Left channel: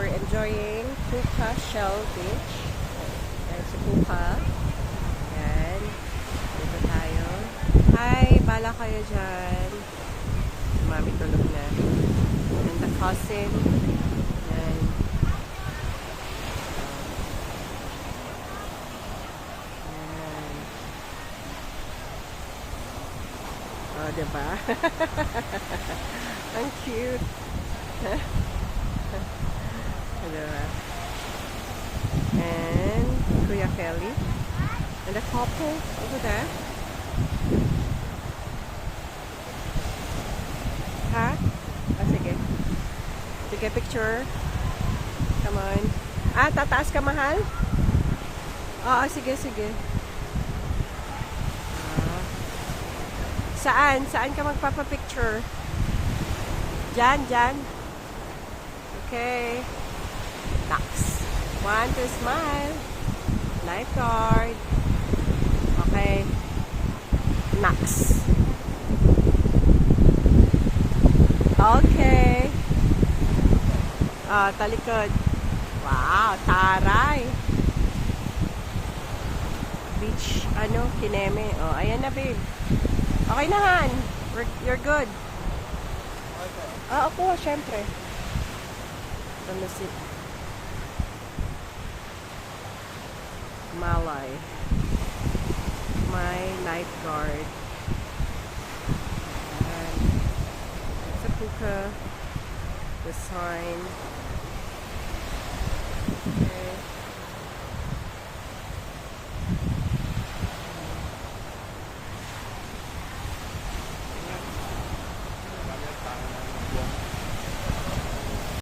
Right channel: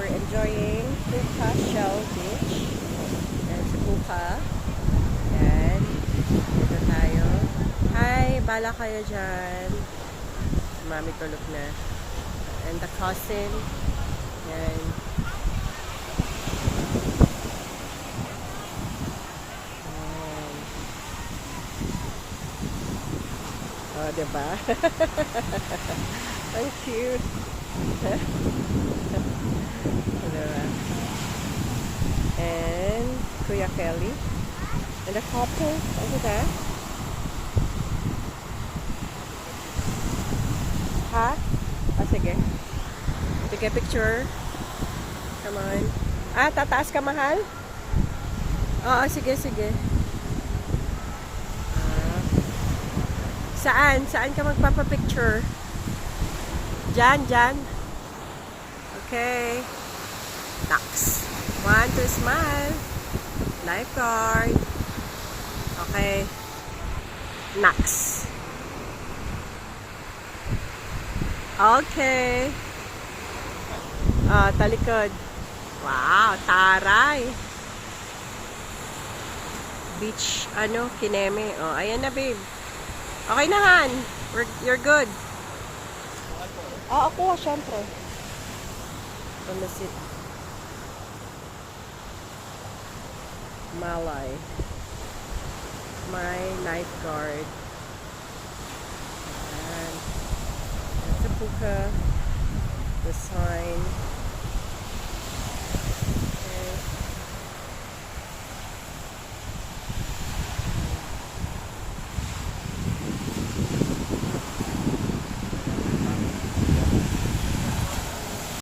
we're enjoying Puka Shell Beach. Ayan si Puka. Ayan. Dito tayo. Hi! Bala kayo dyan. Mami tulog na. And the cousin. Ayan. Ayan. Oh, diba? Ang cute. Diba? And Kuya Kelly. And the couple over there. Ha? Ah, sige. Sige, picture. Come on. Ah, tataas ka, mahal? Oo, sige, sige. Ah. Saan? Saan ka magpapapicture? Diyan, diyan. Okay. Next. 1, 2, smile. Lifeguard. Okay. Next. Okay. Talikod. Wow, taray. Beach, Kineme. Oh, ayan na, babe. Okay na, Han. You're good. Ako, syempre. Pamasit. Malay. My lifeguard. Ayan. That's a Puka. The sign. Okay.